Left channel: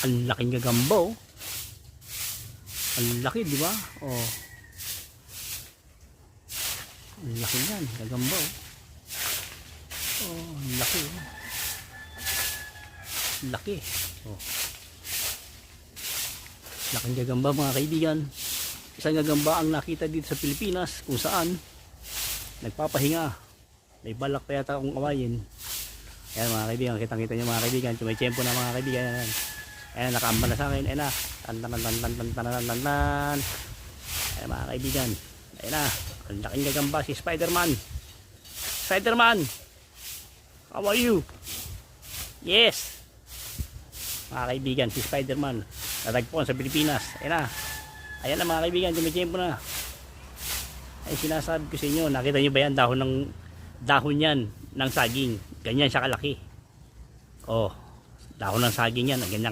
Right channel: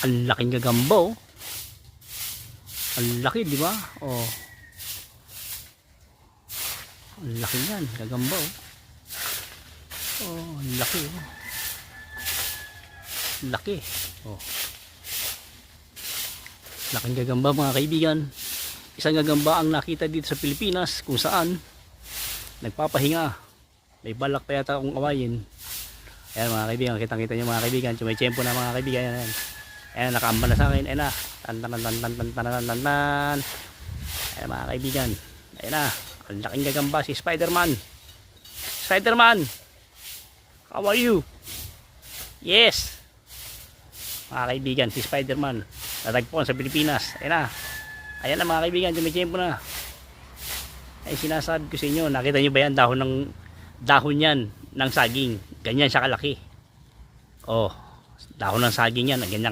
Ang laking gagamba oh. Ang laki, di ba? Oh. Ang laki yan, gagamba oh. Oh, ang laki oh. Laki. Oh. Laking gagamba mga kaibigan. Isang gagamba ang nakita dito sa Pilipinas kung saan nagpapahinga. May balak pa yata akong awayin. Ayan mga kaibigan, kitang-kita nyo mga kaibigan. Tumaytsempo na mga kaibigan. Ayan. Ayan, nakaamba na sa akin. Ayan na. Tan. Ayan mga kaibigan. Ayan na. Ang laking gagamba si Spider-Man. Spider-Man! How are you? Yes! Mga kaibigan, si Spider-Man. Natagpuan sa Pilipinas. Ayan na. Ayan na mga kaibigan, tumaytsempo na. Ay sinasabi ko sa inyo, nakita nyo ba yan? Dahon yan ng saging. Ganyan siya kalaki. Oh, dahon ng saging yan. Ganyan